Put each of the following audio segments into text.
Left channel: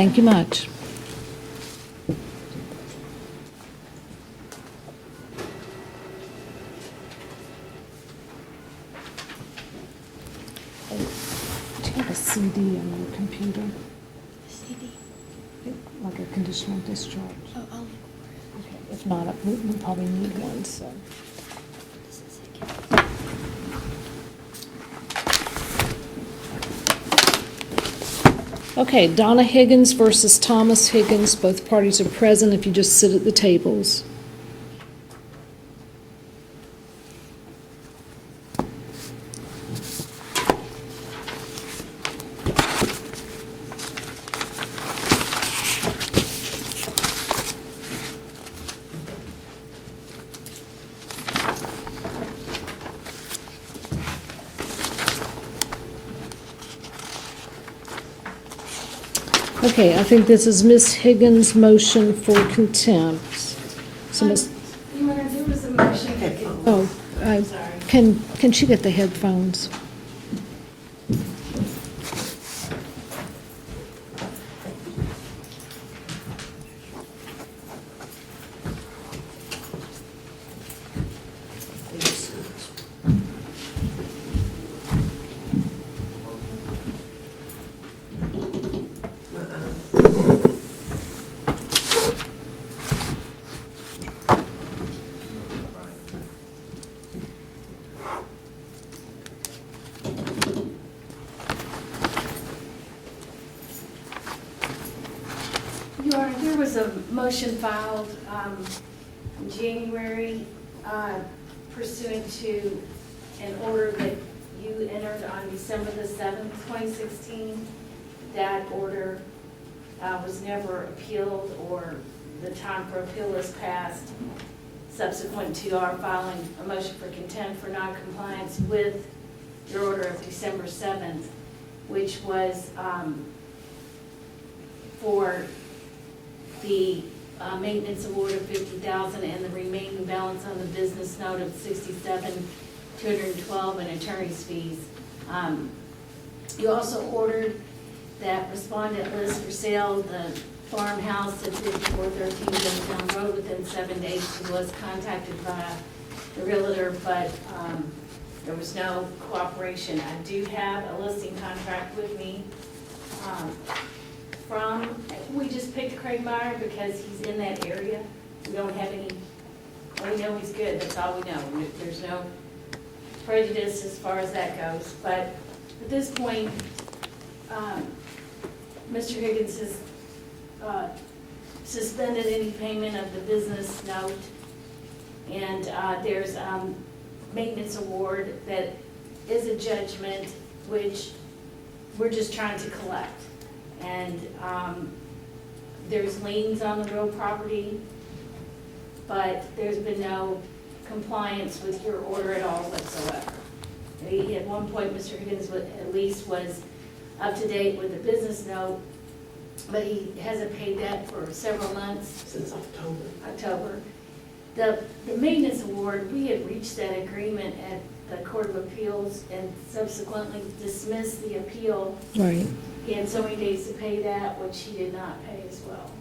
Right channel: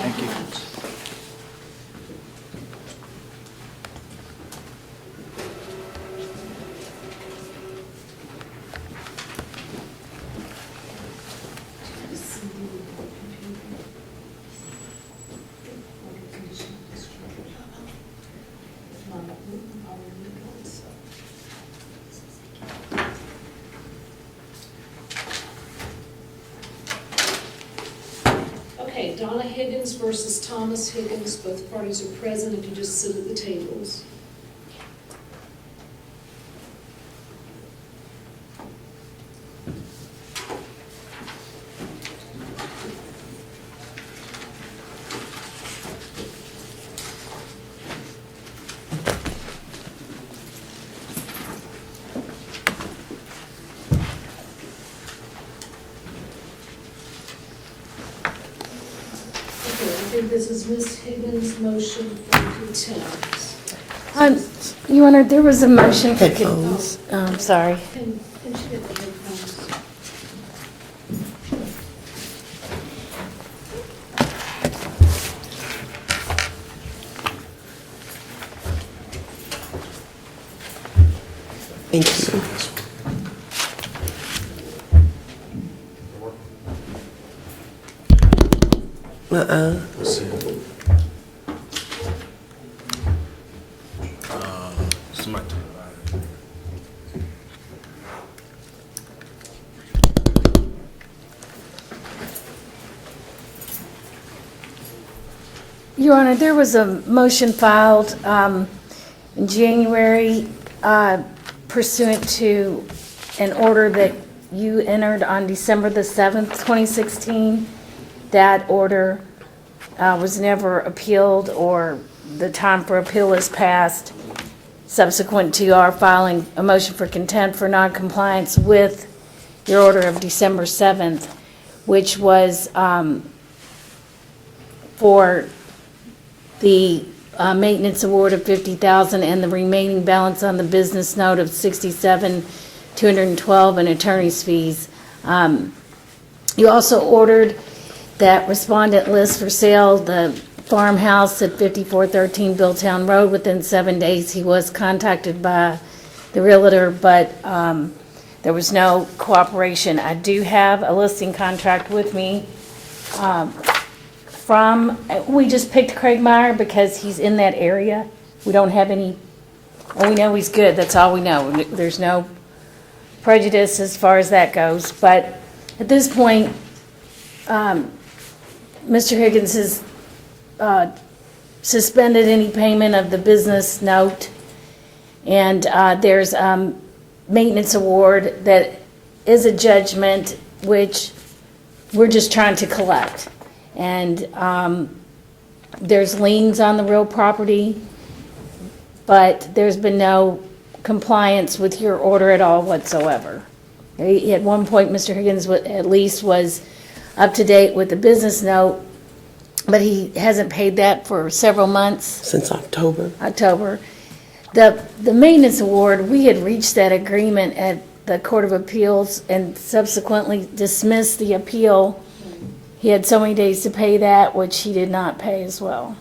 Thank you much. Do you have a CD on your computer? Like a conditional discharge? Okay. If not, we probably need one, so. Okay, Donna Higgins versus Thomas Higgins. Both parties are present if you just sit at the tables. Okay, I think this is Ms. Higgins' motion for contempt. So Your Honor, there was a motion for, Oh, I'm sorry. Can she get the headphones? Thank you. Your Honor, there was a motion filed in January pursuant to an order that you entered on December the 7th, 2016. That order was never appealed, or the time for appeal is passed subsequent to our filing a motion for contempt for noncompliance with your order of December 7th, which was for the maintenance award of $50,000 and the remaining balance on the business note of $67,212 and attorney's fees. You also ordered that respondent list for sale the farmhouse at 5413 Billtown Road within 7 days. He was contacted by the realtor, but there was no cooperation. I do have a listing contract with me we just picked Craig Meyer because he's in that area. We don't have any, and we know he's good, that's all we know. There's no prejudice as far as that goes. But at this point, Mr. Higgins has suspended any payment of the business note, and there's maintenance award that is a judgment, which we're just trying to collect. And there's liens on the real property, but there's been no compliance with your order at all whatsoever. At one point, Mr. Higgins at least was up to date with the business note, but he hasn't paid that for several months. Since October. The maintenance award, we had reached that agreement at the Court of Appeals and subsequently dismissed the appeal. Right. He had so many days to pay that, which he did not pay as well.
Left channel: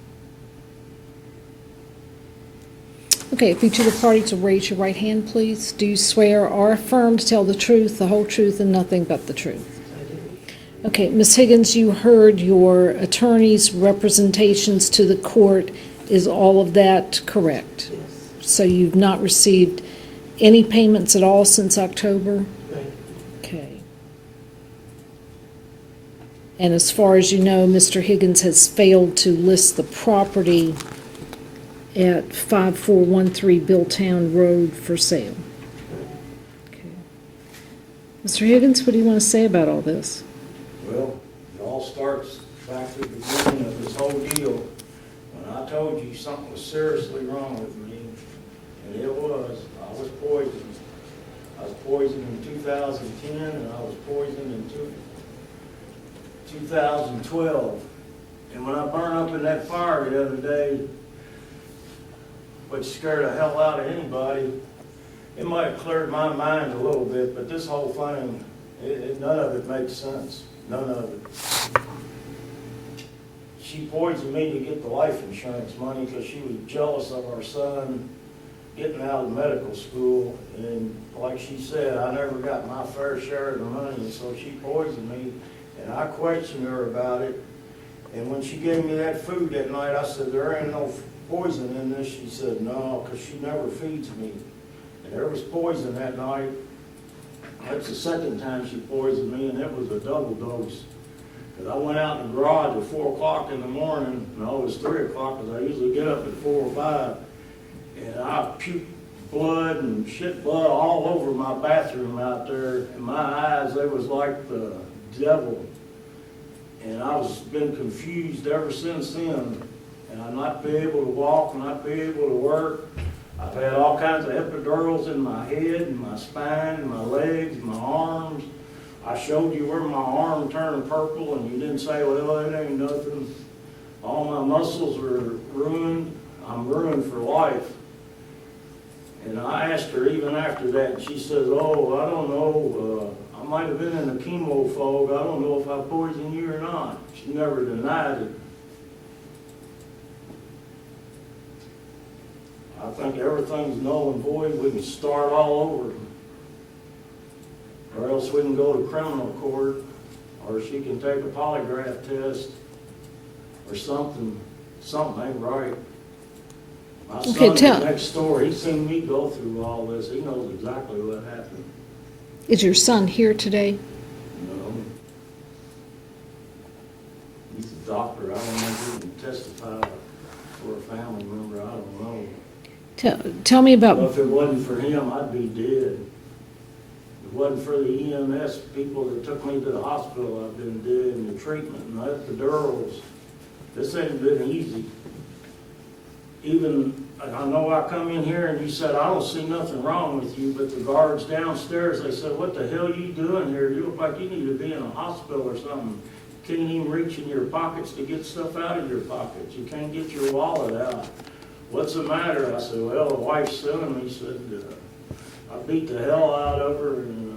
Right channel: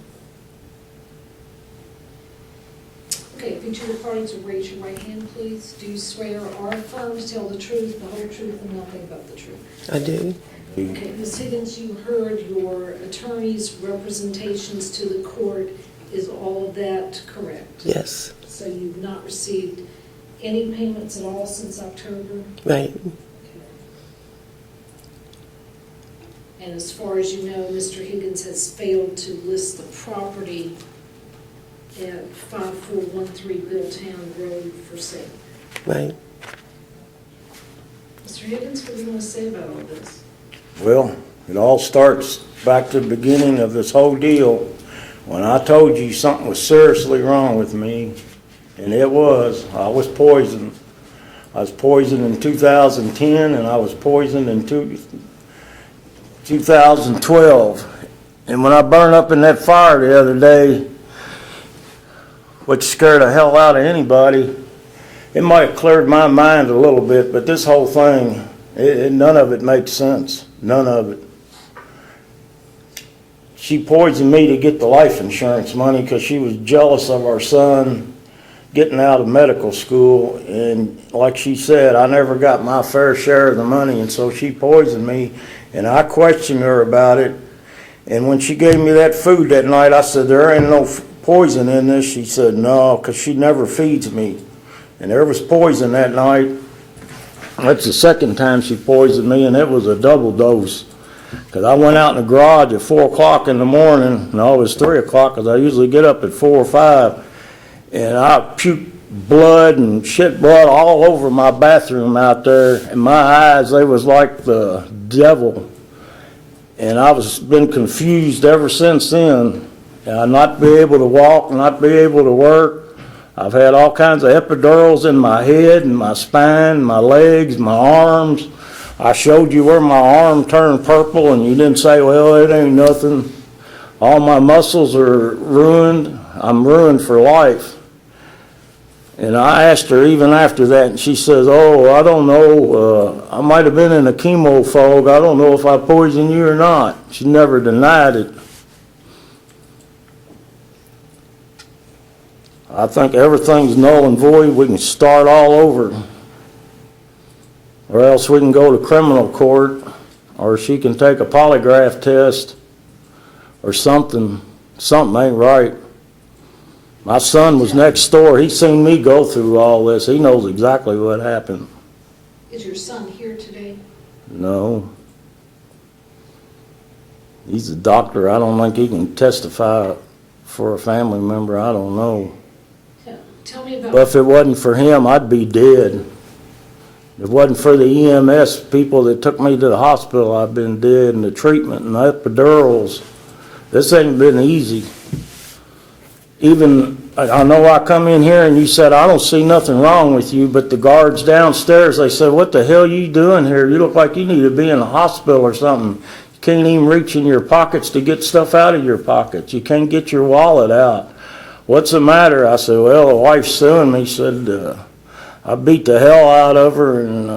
Okay, if each of the parties will raise your right hand, please. Do you swear or affirm to tell the truth, the whole truth, and nothing but the truth? I do. Okay, Ms. Higgins, you heard your attorney's representations to the court. Is all of that correct? Yes. So you've not received any payments at all since October? Right. Okay. And as far as you know, Mr. Higgins has failed to list the property at 5413 Billtown Road for sale. Right. Mr. Higgins, what do you want to say about all this? Well, it all starts back to the beginning of this whole deal, when I told you something was seriously wrong with me, and it was. I was poisoned. I was poisoned in 2010, and I was poisoned in 2012. And when I burned up in that fire the other day, which scared the hell out of anybody, it might have cleared my mind a little bit, but this whole thing, none of it makes sense. None of it. she poisoned me to get the life insurance money because she was jealous of our son getting out of medical school. And like she said, I never got my fair share of the money, and so she poisoned me. And I questioned her about it. And when she gave me that food that night, I said, there ain't no poison in this. She said, no, because she never feeds me. And there was poison that night. That's the second time she poisoned me, and it was a double dose. Because I went out in the garage at 4 o'clock in the morning. No, it was 3 o'clock, because I usually get up at 4 or 5. And I puked blood and shit blood all over my bathroom out there. And my eyes, they was like the devil. And I was been confused ever since then. And not be able to walk, not be able to work. I've had all kinds of epidurals in my head and my spine, my legs, my arms. I showed you where my arm turned purple, and you didn't say, well, it ain't nothing. All my muscles are ruined. I'm ruined for life. And I asked her even after that, and she says, oh, I don't know, I might have been in a chemo fog. I don't know if I poisoned you or not. She never denied it. I think everything's null and void. We can start all over. Or else we can go to criminal court, or she can take a polygraph test, or something. Something ain't right. My son was next door. He seen me go through all this. He knows exactly what happened. Is your son here today? No. He's a doctor. I don't think he can testify for a family member. I don't know. Tell me about... Well, if it wasn't for him, I'd be dead. If it wasn't for the EMS people that took me to the hospital, I'd been dead, and the treatment and the epidurals. This ain't been easy. Even, I know I come in here and you said, I don't see nothing wrong with you, but the guards downstairs, they said, what the hell you doing here? You look like you need to be in a hospital or something. You can't even reach in your pockets to get stuff out of your pockets. You can't get your wallet out. What's the matter? I said, well, the wife's suing me. She said, I beat the hell out of her and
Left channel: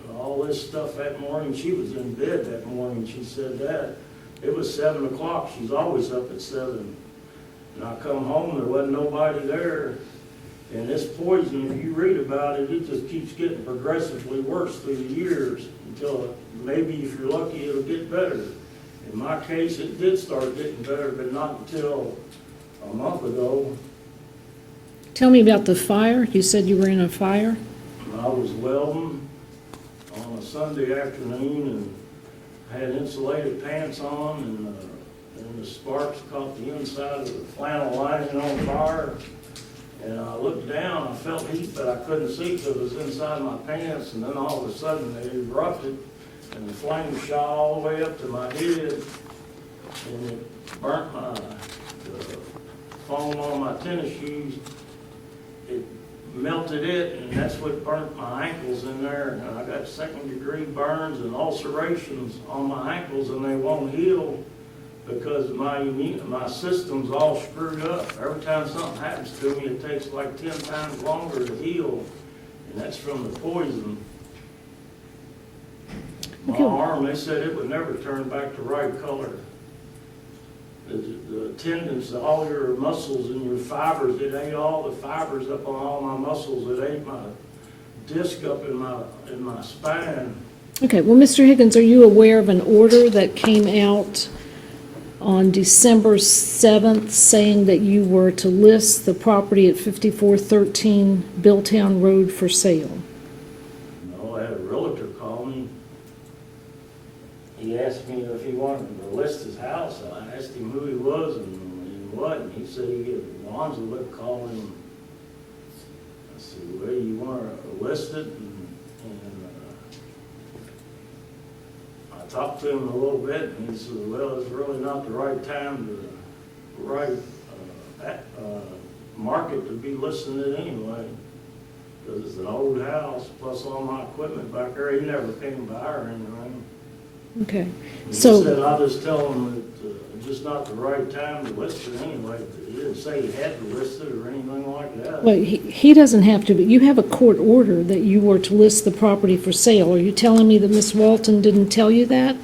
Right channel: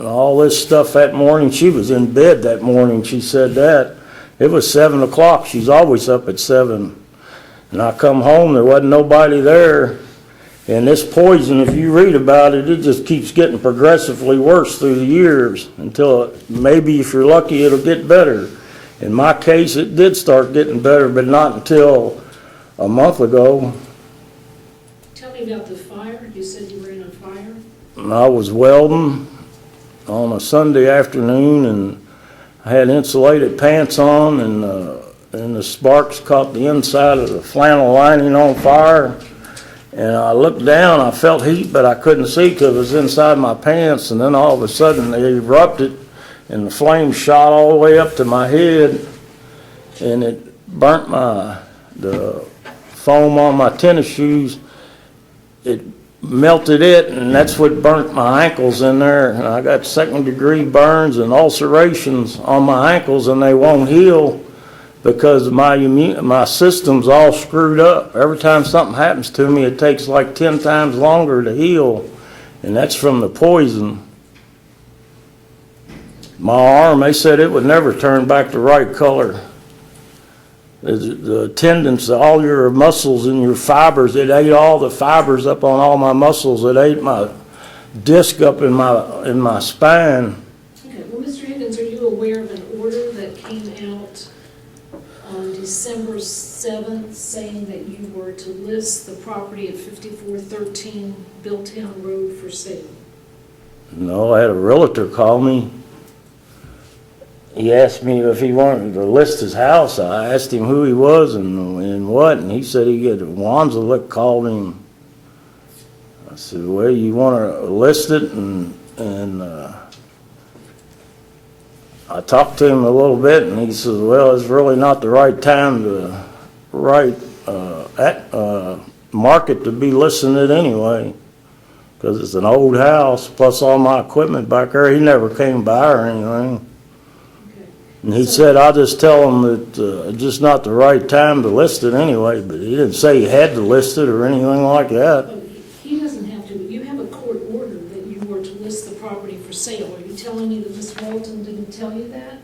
all this stuff that morning. She was in bed that morning. She said that. It was 7 o'clock. She's always up at 7. And I come home, there wasn't nobody there. And this poison, if you read about it, it just keeps getting progressively worse through the years until maybe if you're lucky, it'll get better. In my case, it did start getting better, but not until a month ago. Tell me about the fire. You said you were in a fire? I was welding on a Sunday afternoon, and I had insulated pants on, and the sparks caught the inside of the flannel lining on fire. And I looked down, I felt heat, but I couldn't see because it was inside my pants. And then all of a sudden they erupted, and the flames shot all the way up to my head, and it burnt the foam on my tennis shoes. It melted it, and that's what burnt my ankles in there. And I got second-degree burns and ulcerations on my ankles, and they won't heal because my system's all screwed up. Every time something happens to me, it takes like 10 times longer to heal, and that's from the poison. My arm, they said it would never turn back the right color. The tendons, all your muscles and your fibers, it ate all the fibers up on all my muscles. It ate my disc up in my spine. Okay, well, Mr. Higgins, are you aware of an order that came out on December 7th saying that you were to list the property at 5413 Billtown Road for sale? No, I had a realtor call me. He asked me if he wanted to list his house. I asked him who he was and what, and he said Wanzalick called him. I said, well, you want to list it? And I talked to him a little bit, and he says, well, it's really not the right time to market to be listing it anyway, because it's an old house, plus all my equipment back there. He never came by or anything. Okay. And he said, I'll just tell him that it's just not the right time to list it anyway, but he didn't say he had to list it or anything like that. Well, he doesn't have to, but you have a court order that you were to list the property for sale. Are you telling me that Miss Walton didn't tell you that?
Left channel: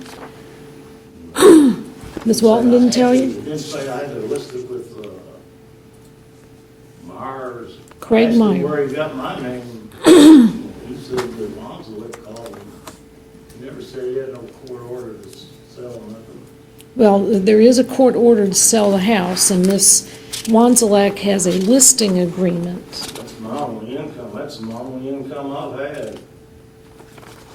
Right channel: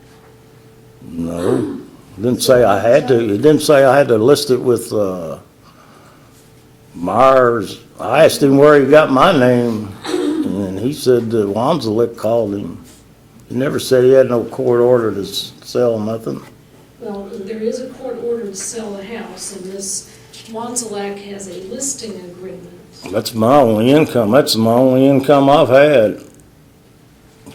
No. didn't Ms. say Walton I didn't had tell to, you? it didn't say I had to list it with, Myers. I Great asked him mind. where he got my name, and he said that Wanzalik called him. He never said he had no court order to sell nothing. Well, there is a court order to sell the house, and Miss Wanzalek has a listing agreement. That's my only income. That's my only income I've had.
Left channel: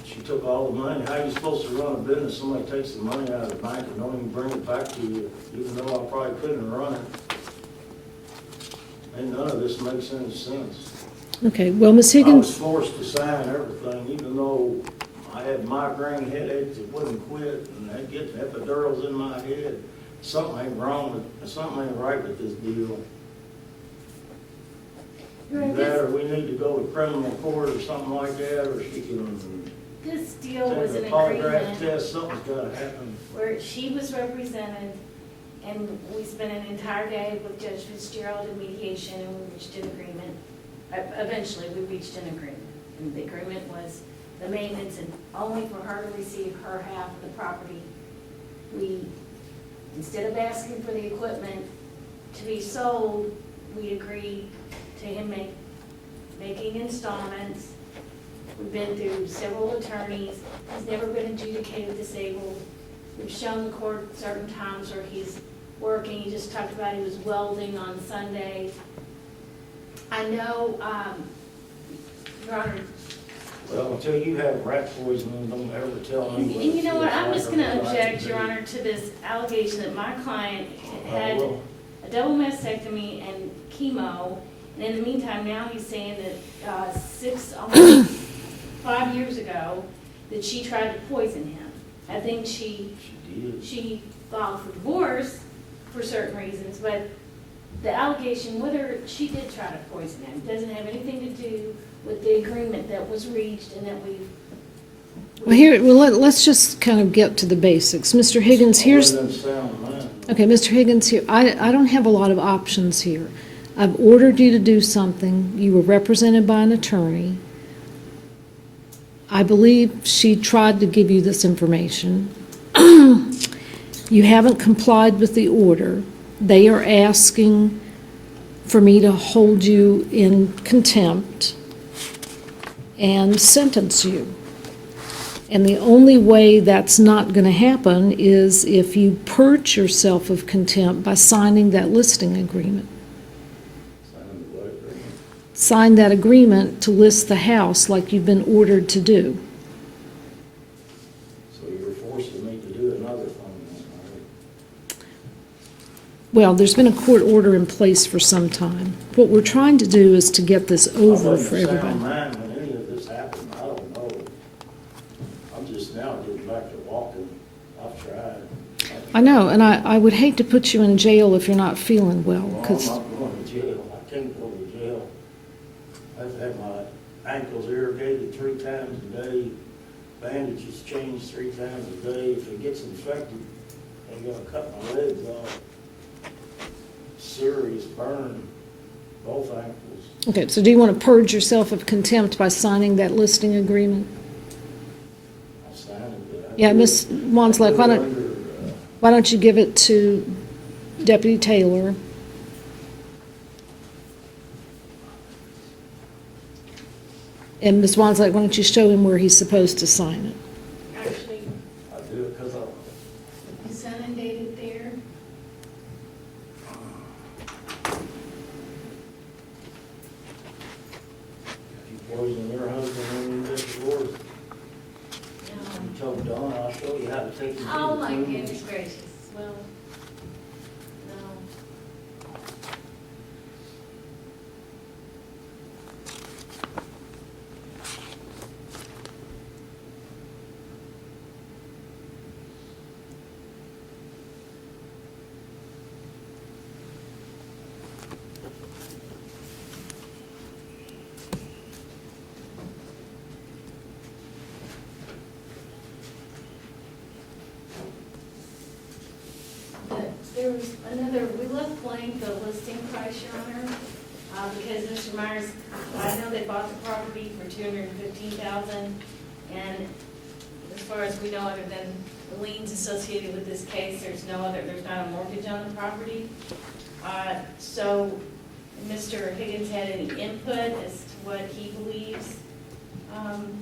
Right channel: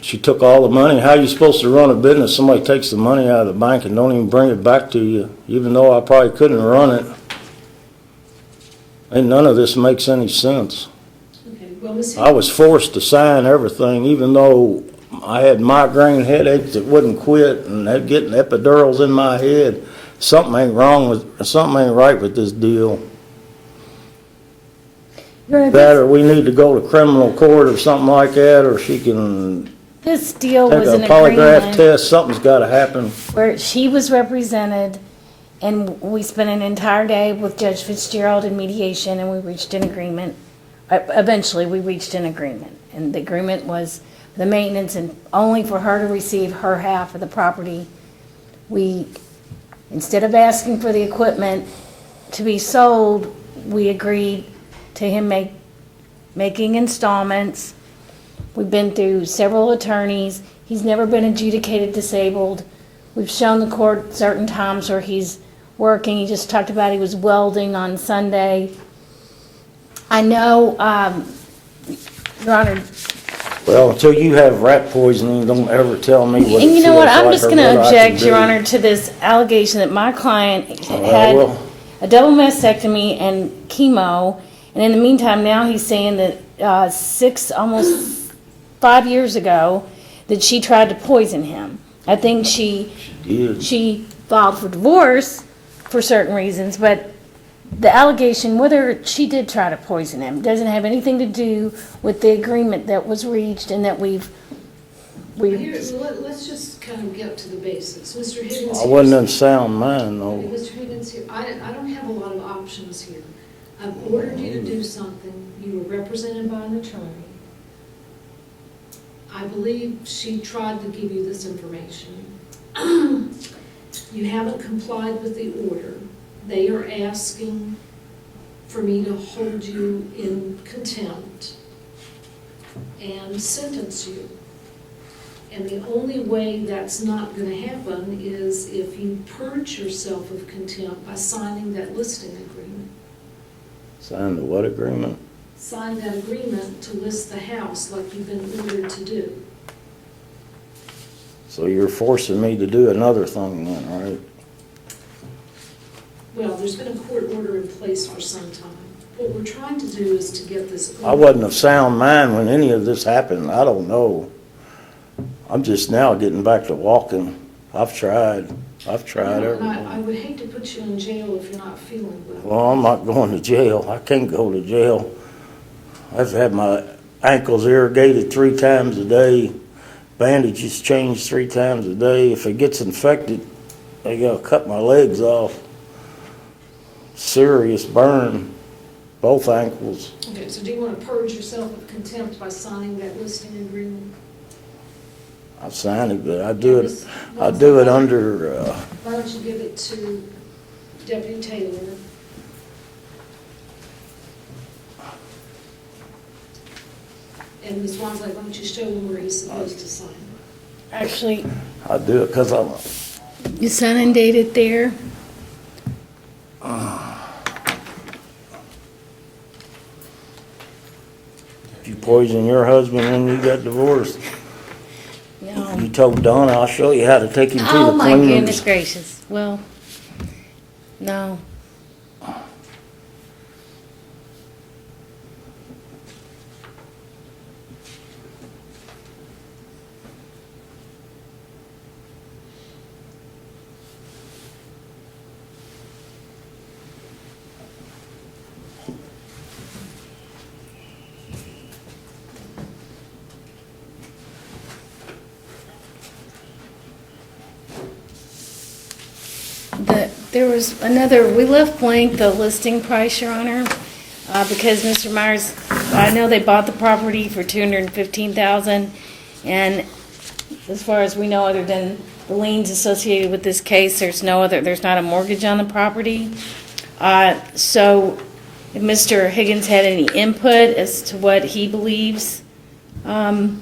She took all the money. How you supposed to run a business? Somebody takes the money out of the bank and don't even bring it back to you, even though I probably couldn't run it. And none of this makes any sense. Okay, well, Ms. I was Higgins, forced to sign everything, even though I had migraine headaches that wouldn't quit and had getting epidurals in my head. Something ain't right with this deal. That or we need to go to criminal court or something like that, or she can This deal take was a an polygraph agreement test. Something's gotta happen. where she was represented, and we spent an entire day with Judge Fitzgerald in mediation, and we reached an agreement. Eventually, we reached an agreement, and the agreement was the maintenance and only for her to receive her half of the property. We, instead of asking for the equipment to be sold, we agreed to him making installments. We've been through several attorneys. He's never been adjudicated disabled. We've shown the court certain times where he's working. He just talked about he was welding on Sunday. I know, Your Honor, Well, until you have rat poisoning, don't ever tell me what it and you know what, feels I'm like just or gonna what I object, can Your do. Honor, to this allegation that my client well. had a double mastectomy and chemo, and in the meantime, now he's saying that almost 5 years ago, that she tried to poison him. I think Did. she filed for divorce for certain reasons, but the allegation, whether she did try to poison him, doesn't have anything to do with the agreement that was reached and that we've. let's just kind of get to the basics. Mr. Higgins, I here's, wasn't in sound mind, though. okay, Mr. Higgins, here, I don't have a lot of options here. I've ordered you to do something. You were represented by an attorney. I believe she tried to give you this information. You haven't complied with the order. They are asking for me to hold you in contempt and sentence you. And the only way that's not going to happen is if you purge yourself of contempt by signing that listing agreement. Signed the what agreement? Sign that agreement to list the house like you've been ordered to do. So you're forcing me to do another thing then, right? Well, there's been a court order in place for some time. What we're trying to do is to get this over. I wasn't of for sound everybody. mind when any of this happened. I don't know. I'm just now getting back to walking. I've tried. I know, and I would hate to put you in jail if you're not feeling well. Well, I'm because- not going to jail. I can't go to jail. I've had my ankles irrigated 3 times a day, bandages changed 3 times a day. If it gets infected, they gotta cut my legs off. Serious burn, both ankles. Okay, so do you want to purge yourself of contempt by signing that listing agreement? I've signed it, but I Yeah, do Ms. it, I Wanzley, do why it don't- under, Why don't you give it to Deputy Taylor? And Ms. Wanzley, why don't you show him where he's supposed to sign it? Actually, I do it because I'm, you sign and date it there. if you poison your husband and you got divorced, No. you told Donna, I'll show you how to take him to the Oh, my cleaners. goodness gracious. Well, no. There was another, we left blank the listing price, Your Honor, because Mr. Myers, I know they bought the property for $215,000, and as far as we know, other than the liens associated with this case. There's not a mortgage on the property. So if Mr. Higgins had any input as to what he believes the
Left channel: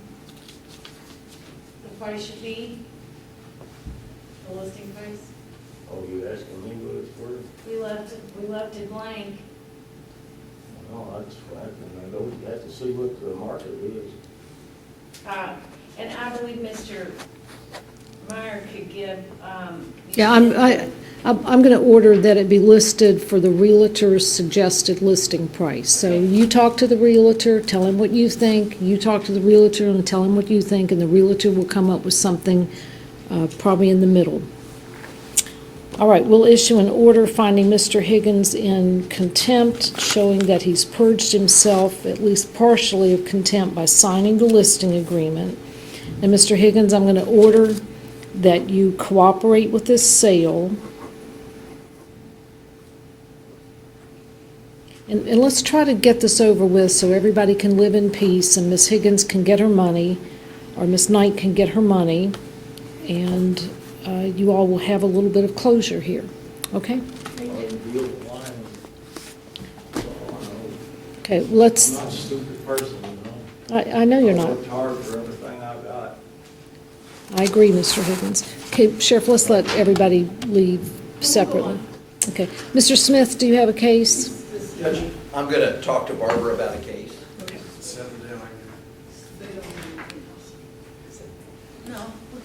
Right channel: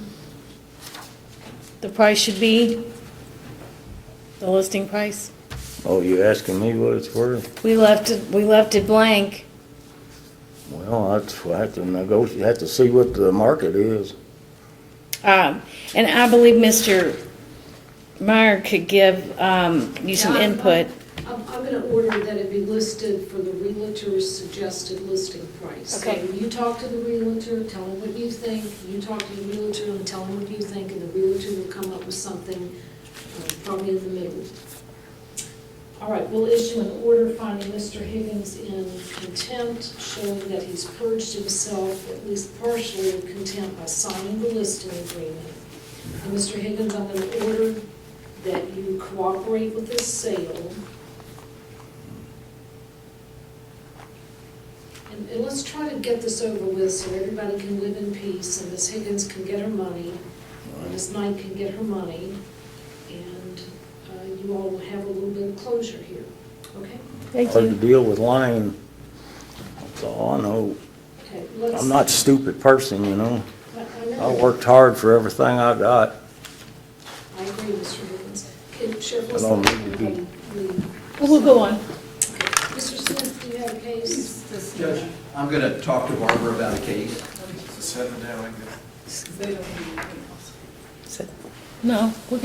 price should be, the listing price, Oh, you asking me what it's worth? we left it blank. Well, I have to negotiate, have to see what the market is. And I believe Mr. Meyer could give you Yeah, some input. I'm going to order that it be listed for the Realtor's suggested listing price. So Okay. you talk to the Realtor, tell him what you think, you talk to the Realtor and tell him what you think, and the Realtor will come up with something probably in the middle. All right, we'll issue an order finding Mr. Higgins in contempt, showing that he's purged himself, at least partially, of contempt by signing the listing agreement. And Mr. Higgins, I'm going to order that you cooperate with this sale. And let's try to get this over with so everybody can live in peace and Miss Higgins can get her money, or Miss Knight can get her money, and you all will have a little bit of closure here. Okay? Thank Hard to you. deal with Lane. That's all I know. Okay, let's, I'm not a stupid person, you know. I know I you're not. worked hard for everything I got. I agree, Mr. Higgins. Okay, Sheriff, let's let everybody leave We'll separately. go on. Okay. Mr. Smith, do you have a case? Judge, I'm going to talk to Barbara about a case. No, we're good.